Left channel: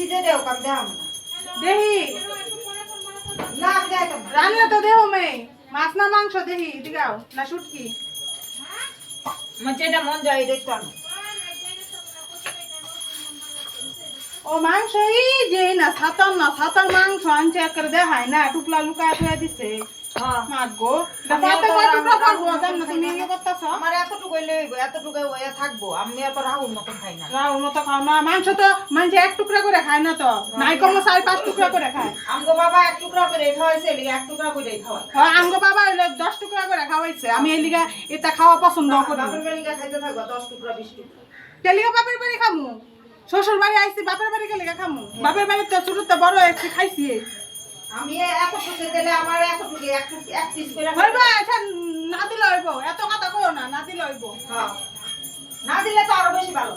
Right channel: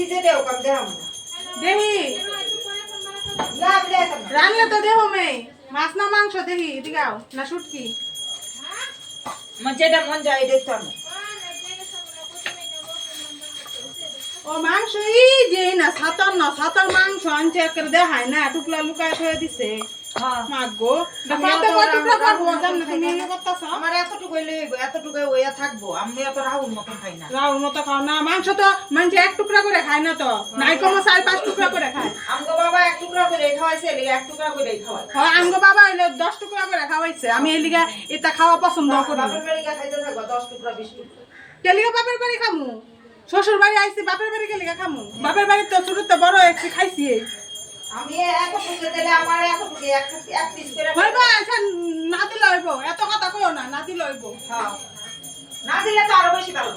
সিজে দেও কাম দেখাম না দেহি না আমি দেখাম না রান্না তো দেবো মেয়ে মাছ না মাংস দেহি দিগাও না শুটকি মানে যেটা মন যায় দেখতে আনো ও মাংস এই যে না ছাতর মাংস আনছে একবার দেখায় না টুকলা লুকায় ফেলে দিছে হ্যাঁ মাগো কত টুকরা পারবো না জান না তুমি ইয়ে করতেছ আমার এতটুকুই লইব এতটুকুই ওয়া থাকবো আমি এত রাহুল মতন খাই না রাউর মতো খাও না মাংস তো মানে এক টুকরা করে খায় না তো নাই কম 4-5 টুকরা করে খায় আমগো বাবা এক টুকরা করে খাওয়াইছে লিগে এক টুকরা করে খাওয়াই হয় আমগো বাবা হইলো 10 টুকরা করে খাওয়াইছে আমি এই লিগা এটা খাওয়া পছন্দ করি বাপের বাড়ি গিয়ে খাইতে থাকো 10 টুকরা 20 টুকরা কেলিগা বাপের বাড়ি খামু শ্বশুর বাড়ি আইছি বাপের বাড়ি কেলিগা খামু বাপের বাড়ি তো ছোটতে বড় একটু খাইছি আমি এক টুকরা দিলে আমার এতটুকু এক পিস করে হইবা আচ্ছা না দিলে হইব এত কথা কইও না না দিলে হইব হ্যাঁ না দিলে তো আরো বেশি ভালো